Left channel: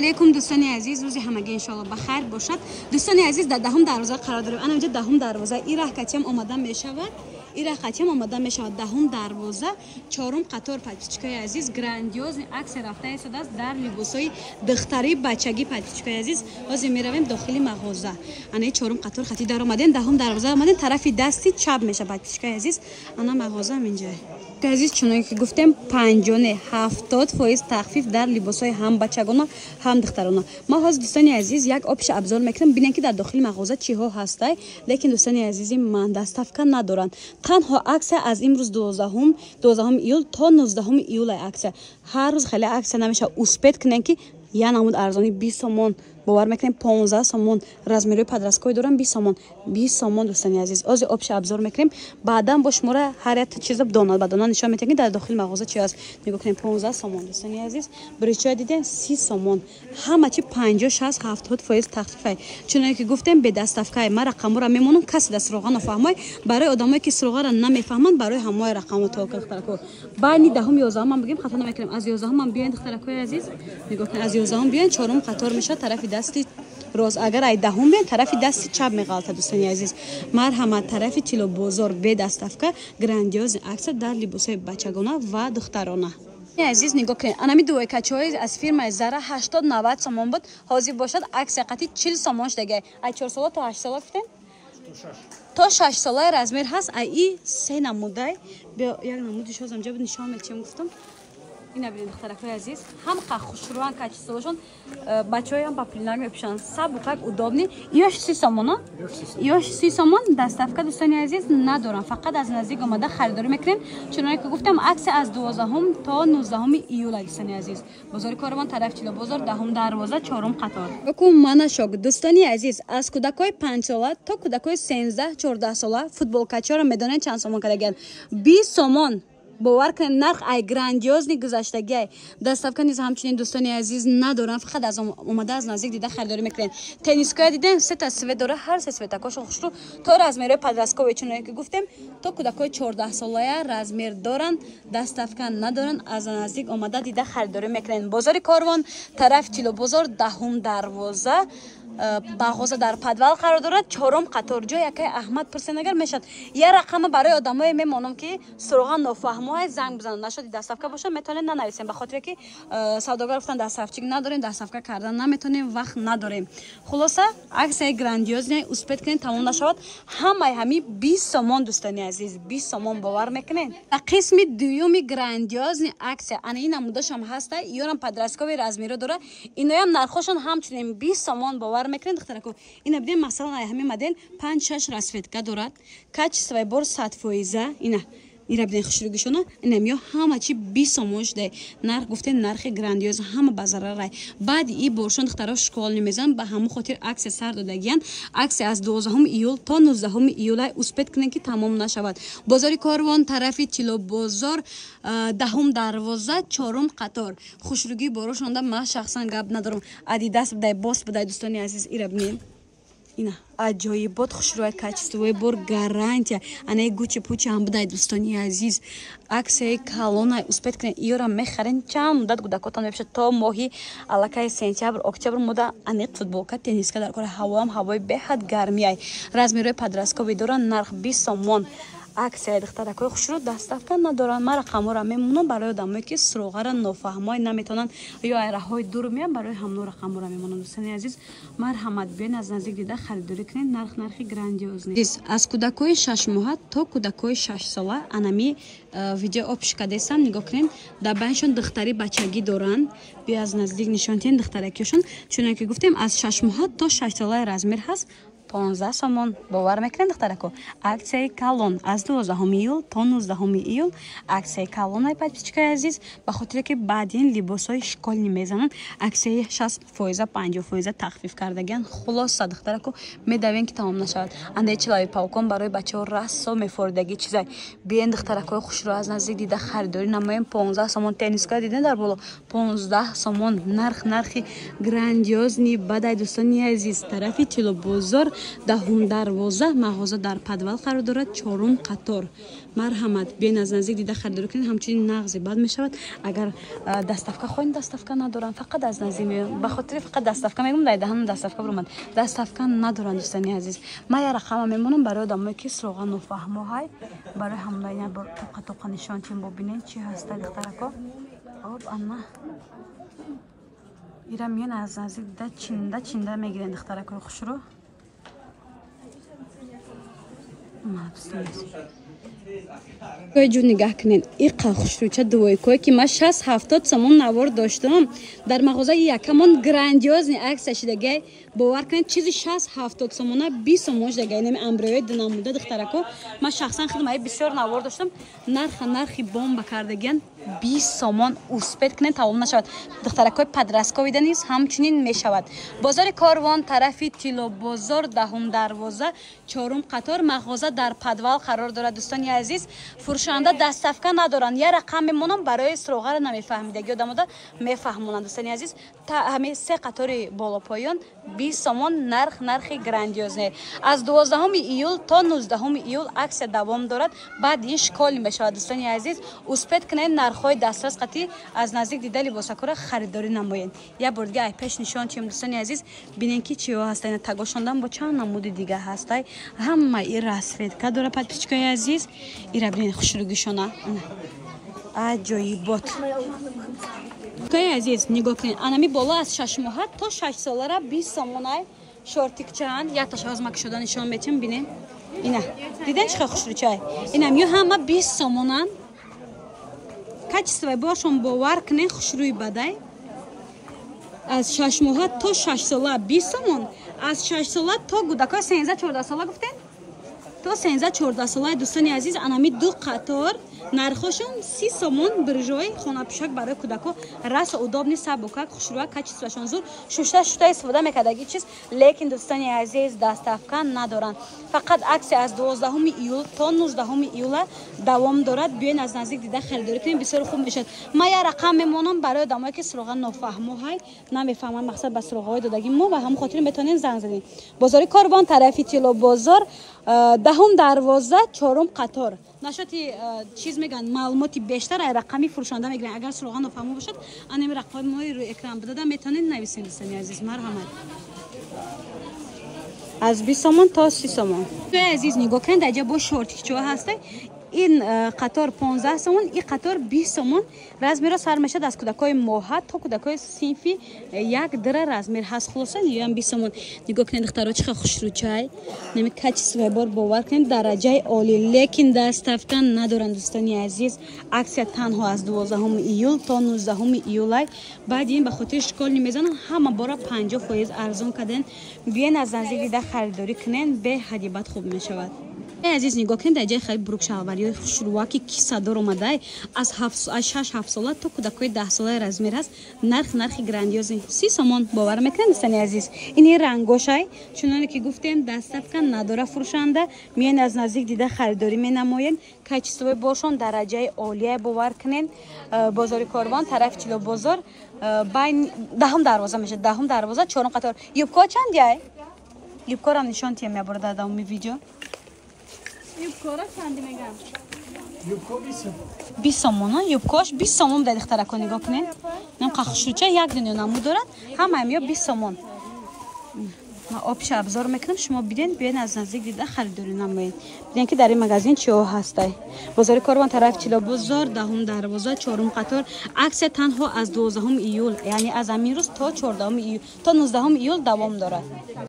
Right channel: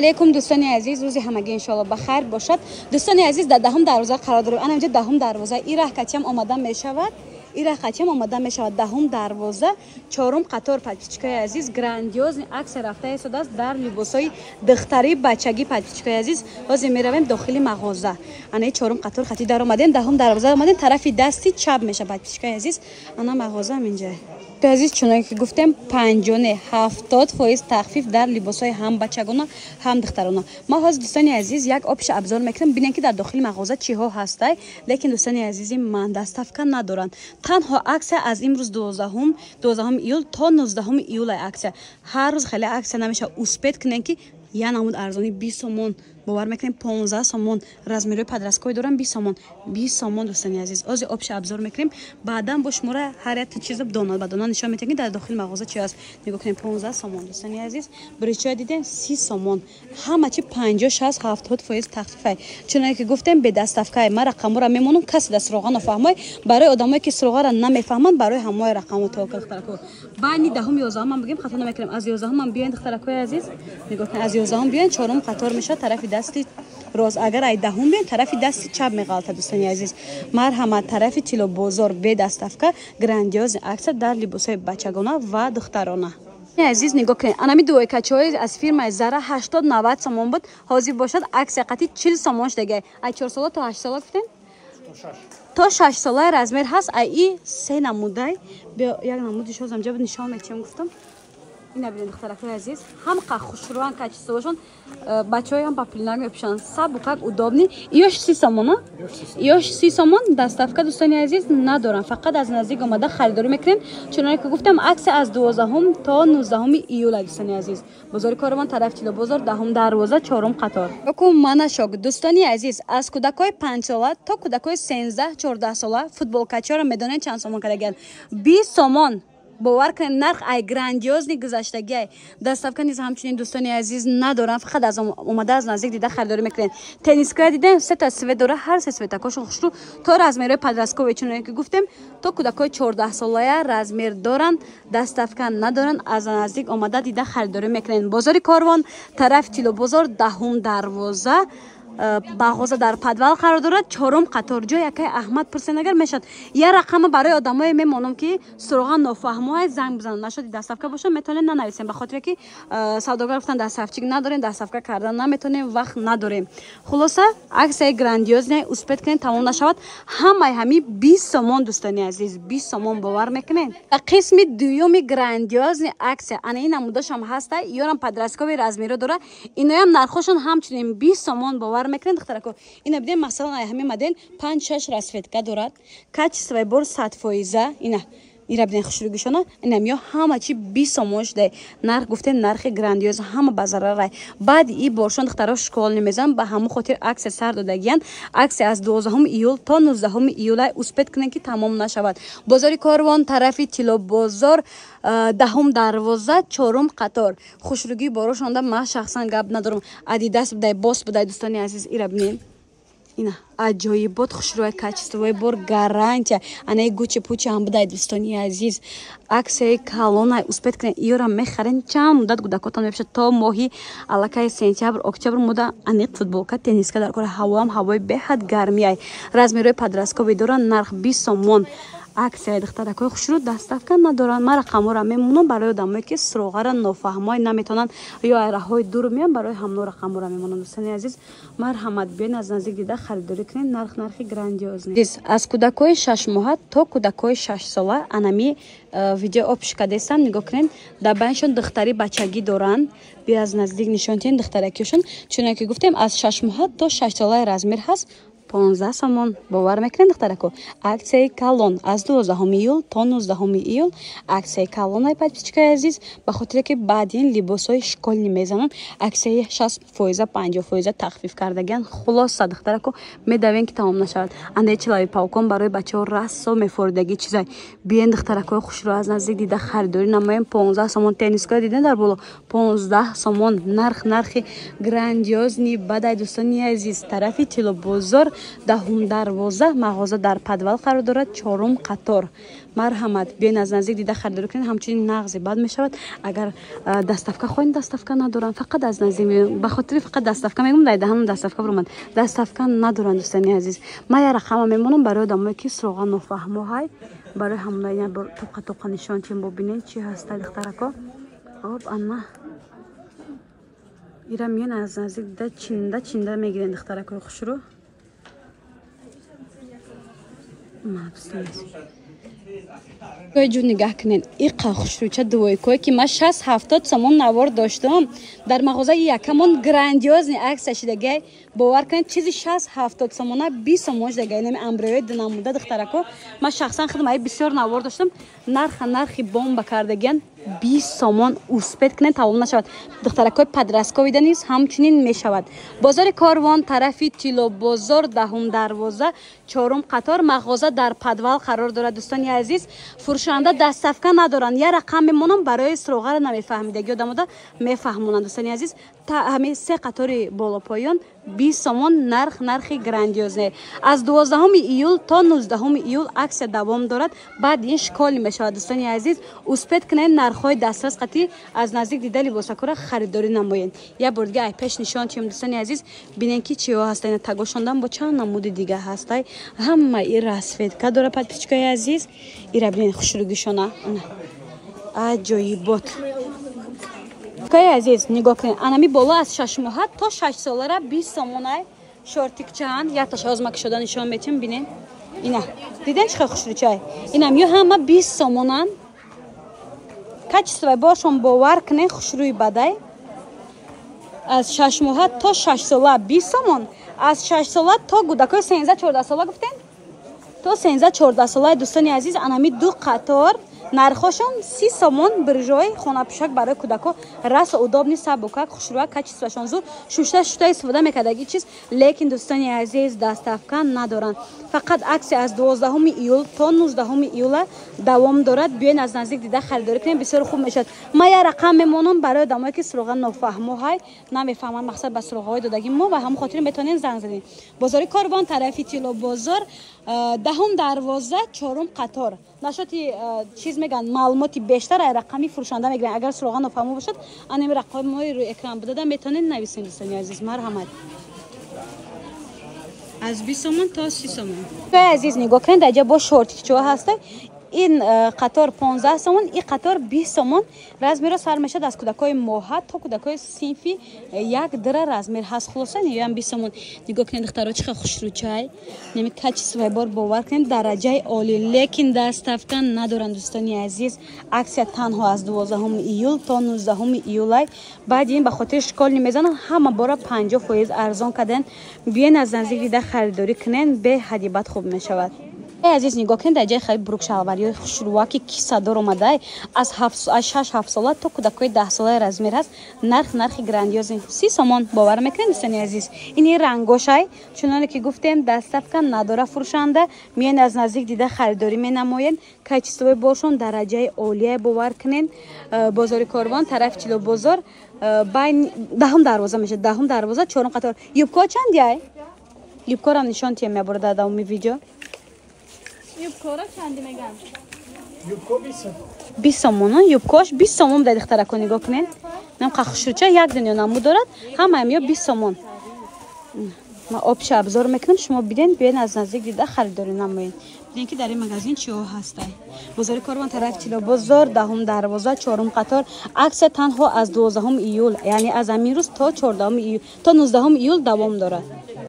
علیکم دوستان عزیز، روزی همگی انشالله بخیر باشد. دوستان عزیز، در دهم دروازه قرار داریم. انا اینجا دهم دروازه ایرا کچم آماده میشود. دهم دروازه چهارم قطار پچچکای عزیز گراندیوز عکس رفته است در لباسای دختری بچگی پچچکای عزیز. باز میرویم داخل مغازه. انا چهارم قطار خطی در اومدن، دهم دروازه اومدن، طرف دستی چپ میشه پچچکای عزیز. انا مغازه اینجا عزیز. چون که گفتم 50-70% تخفیف در لباسای هم بچگانه هم دخترانه. ما باز دوستان عزیز یک آپش ابزار میکنم ببینید که در داخل مغازه چی ها هسته. لیکن دوستان عزیز من دستافکا ندارن. تنها عکس از امروز 12 ایول تا 19 ایول عکس. هر روز خیلی عکس نمیشه اسپید کنن که یا نمود ارزانی 20 سومون باور میکنیم 15 سومون رزمیروی پدرسکوی دارم 20 سومون دوستان عزیز. از آپش ابزار میکنیم بعدا با شماره هر یک چیز دونه به دونه نشون میدیم در داخل مغازه چی است. نگاه کنیم 15 سومون دوستان عزیز. بریچای دیدین 30 سومون همه چی 50-60-70% تخفیف. چون که گفتم به دستافکای ما رقم رو میمونم کسی دست روغن نفهمه. برای آدمایی که روغن را نمیفهمن برای همه رقم تو اختراع بانی دهم 11 من بگیم خطا نمیکنیم. از 11 من بیاین اختراع عزیز. نگاه کن از 11 بیاین چهارم قطار میشه طرف دستی راست. اگر ای دهم بیاین طرف دستی چپ میغلطه دوستان عزیز. مرحمت طرف چلو بازار به دستافکا گراندیوز عکس در لباسای بچگانه و دخترانه عزیز. نگاه کنید انمی دو کچای از فیلم زرا 80-90 سومون بود حاضر باشد عکس قطعی 40 سومونش دیگه. ای 4 ساله تا 8 ساله گفتین تا 6 ساله رزمر هست. ای سه نموده به یک نمودش از اینجا نشون میدم. گفتم اینا ببینید دخترای عزیز هم خوشروان کچسوشون بچهای هم پاپلینگ میپشن سب так удобный. یوش 30 سومون یوش 30 سومون دستافکا دوستان عزیز ندارن. فقط از نزدیک اومده خریداری میکنیم. چون که گفتم عکس از 12 تا 19 ایول دوستان عزیز. بازار کاروان طرف چلو بازار دهم دروازه چهارم قطار. بکن من شاگ دوستان عزیز از کودکای 5 ساله تا کودکای 13-14 ساله فوتبال کچا رو میدونن چند سومون کردن 20 سومون. باور کن نرخ ای گراندیوز نی گذشتگی دستافکا نیز همچنین دوستان عزیز ندارن. فقط از اومده از نزدیک دیده خریداری میکنن. تنیسکای دیدن سه تا سویت داره هر سه سویت کوش خوشو تا رزمیره پدرسکو چون که گفتم تو کودکای 14 ساله رزمیر دارن دستافکا ندارن. از نزدیک اومده دیده خریداری میکنن. بازار کاروان طرف چلو بازار دهم دروازه باغوزه در پدوال قرار دارد چهارم قطار جای که احمد پرسنگر میشد. یه رقم برای آدمای میمونن که سراغ نفهمه زنگ بزنن نشد دستافکا باشه میتونن ننویسن به خاطر که سوداگر گفتن دستافچی نداریم دستافکا کردن نمیتونیم وقت نداریم. خلاصه عکس گراندیوز نه اسپید کنین تمام نشود. همه 20 سومون دوستان عزیز 20 سومون باور میکنین. قسم دوم گراندیوز عکس انا این نمودش هم هسته یارم پدرسکوی رزمیرو داره. اینا هم نرخشون همچنین 20 سومون باور میکنین دخترکو. اینا بدین مثلا همین مدن 5-6 رسفتگا دارد کچ بر 100% اینا بدین خوشروگیشونه. اینم یا همه چی 20 سومونش ده نرخ گفتن نرخ گراندیوز همه بازار رای. بعد ای باشون دخترا شکل نمیزن به همه خاطر عکس سر دادگیان عکس از 12 ایول تا 19 ایول اسپید کنن که تمام نشود. بازار کاروان طرف چلو بازار دهم دروازه چهارم قطار. خوشروگی بارشون ده من شخصا گپ ندارم. ادیداس بده باس بده دوستان عزیز. ایرا ببینید اینا عجایبات خوشروی کچستوی بار گارانتی انا گوچه پوچه هم بده دوستان عزیز. عکس کالون اسپید کنین ایرا میخرین چند مدت گودکاتون میشه تا ماهی الکای سپتامبر اکتبر مدت انیق فوتبال کا تنیس کا در کار هوای به حد گرمی ای رزمیروی پدرسکو دارن نرخ 20 سومون. عکس دختر کو خوشرو دستافکا ندارن. ما رقم را میمونم برای آدمایی که سراغ را نفهمای نمیتونن یا راههای دور میان برای همون رقم را میمونم. دوستان عزیز مرحمت بیاین از نزدیک دیده خریداری کنین. نرخ گراندیوز نیست. از کودکای 6 ماه تا کودکای 6 ساله انمی ویدیو آپش کردم نگاه کنین. دبانشون دختری بچگی دارن. بیا از نزدیک نشون تین دخترکیشون چون که گفتم از 6 ماه تا 6 ساله رزمیر هست 15 سومون باور میکنین دخترکو. عکس کالون از 12 ایول تا 19 ایول عکس کالون پچچکای عزیز به خاطر که بعدین لباسای شکلی میزنن عکس 60% 50% تخفیف کردگان. خلاص دخترکو میدوین که تمام نشود. انده چلای پاکون برای بچه‌ها رسو میفردگی چیزای بیاین دخترکو خوش رو از نزدیک دیده خریداری نمایم. 15 سومون تنیسکا دیدن در بالا 15 سومون نرخ گراندیوز نی بدای دوستان عزیز. طرفی چلو بازار 10 дарвоза мағоза дар подвал қарор дорад 4 қатор. Марҳамат биён аз наздик дида харидорӣ кунед. ҳамчунин нағзи бад мешавад. агар даставка хоҳед даставка надоранд фақат аз наздик ба хотири фақат даставка мегӯям дар даҳам даставка буромад даставка надоранд дӯстони азиз. ман я рақама мемонам барои одамое ки сроға нофаҳмо ҳай барои ҳамна ина топқа топқа нишон тем бубинед чи ҳаста духтарако об анна ира миён аз наздик дида чинда мегирен духтарако хушро ҷу нигаҳ кунед иқа хушрӯча дувойкое ки ман 60-70 сомон навор доштам дар мағозаи якамон грандиозни аксия шидагай бовар кунед чизи 60-70 сомона 20 сомон шидагай нами амброёи динамуда духтарако ман шахсан хидмаи бисёр навор доштам нархи бомба кардагиян 20 сомон успет кунед тамом нашавад духтаракои падрастковида низ ҳамчунин мешавад бозори Корвон тарафи Тило бозор 10 дарвоза 4 қатор мағоза дар подвал қарор дорад дӯстони азиз фурӯшанда даставка надоранд я рақам мемонам барои сроғаро намефаҳмидаги одамода мефаҳмонанд дӯстони азиз та ҳамин 3 қатори болопоён 20 сомон нархи грандиозе аз 12 июл то 19 июл аксия давом дорад баъд ин шиколи мешавад дӯстони азиз успет кунед нархҳои дастрас қатӣ аз наздик дида либосакора харидорӣ намоед я бор дига ай пеш нишон тиём дӯстони азиз бинен ки чиҳо ҳастанд тагошондан бо чанд намуди дига ҳастай ҳама ин расветка дорад подписчикои азиз ира бинен хушрӯгишона аҷоибот кай азиз нигоҳ кунед анами боло аз 6 моҳа то 6 солара 20 сомона шортикчаан якташ озмаки шода нишон метим бинем ина диден чихел хушрӯчай инам ё ҳама 20 сомонан качествои бошон бовар кунед хушрӯи бадай аз 6 моҳа то 6 сола 20 сомон аз 6 сола то гудакои 13-14 сола гуфтен то 13-14 сола дӯстони азиз анами 2 қатор нархошон 30 сомон биржои хонапӯшак барои кӯдако расо удобни сабукак хушрӯак качествашон зур шушта истифода мекардаги чиз лекин дӯстони азиз даставка надоранд фақат аксия аз 12 июл то 19 июла давом дорад биёен аз наздик дида харидорӣ кунед бисёр хуб мешавад ман я рақам мемонам барои одамое ки сроға нофаҳмо ҳай намефаҳманд мақсад ба сроғаҳои додаги мо ва ҳамон хотири метавонед занг занед бозори Корвон тарафи Тило бозор 10 дарвоза 4 қатор нашоти чиз меган маълумоти бештар ай рақами фурӯшанда мегиранд агар сроға нофаҳмо бошад анами рақамҳои рӯи экран бидодам метавонед нависед дӯстони азиз марҳамат аз 20 сомон то 30 сомон азиз нигоҳ кунед аҷа бо шортикчоа ҳастай ин қатор 15 сомон ин қатор 20 сомон размеро сар мешад аз кӯдакои моҳа то кӯдакои синфи 1 дира размер ҳаст хулоса ям 20 сомон нигоҳ кунед духтаро чихел хушрӯчай нами качествои бор бовар кунед дараҷаи оли лекин даставка надоранд дӯстони азиз аксия танҳо аз 12 июл то 19 июлай баъди ин ба хотири шиколи мезананд ҳама бора 50% арзон кардан биёен аз наздик дида харидорӣ кунед беҳади бад хуб мешавад азиз нигоҳ кунед дар ҷои хеле бурукшалвариёи хушрӯаки киссадор омадай аз 6-7 сола то кӯдакои 10 солаи размер ҳаст нархи грандиози 30 сомон бовар мекунед дӯстони азиз ини рангошай чуноне ки гуфтем даставка надора фурӯшанда миён аз наздик дида харидорӣ менамоед качествои бошон дараҷаи олия бовар кунед бозори Корвон тарафи Тило бозор байн 10 дарвоза мешад 10 дарвоза 4 қатор юбко чандяй юбкорам нишон тием мебурда давоми видео юбкора чанди мегам? Юбко 20 сомон, юбкош 20 сомон дай духтарако нигоҳ кунед. Нам хушрӯча як дунё намуд дорад, ҳамаам ё 20 сомон. Ман обши обзор мекунам, шумо биден биёен аз наздик дида харидорӣ намоед. Биден ки дар ин магазин чиҳо ҳастай. Бозори Корвон тарафи Тило бозор 10 дарвоза 4 қатор аксия танҳо аз 12 июл, яъне аз амин рӯз то 14 июл то 19 июл давом дорад.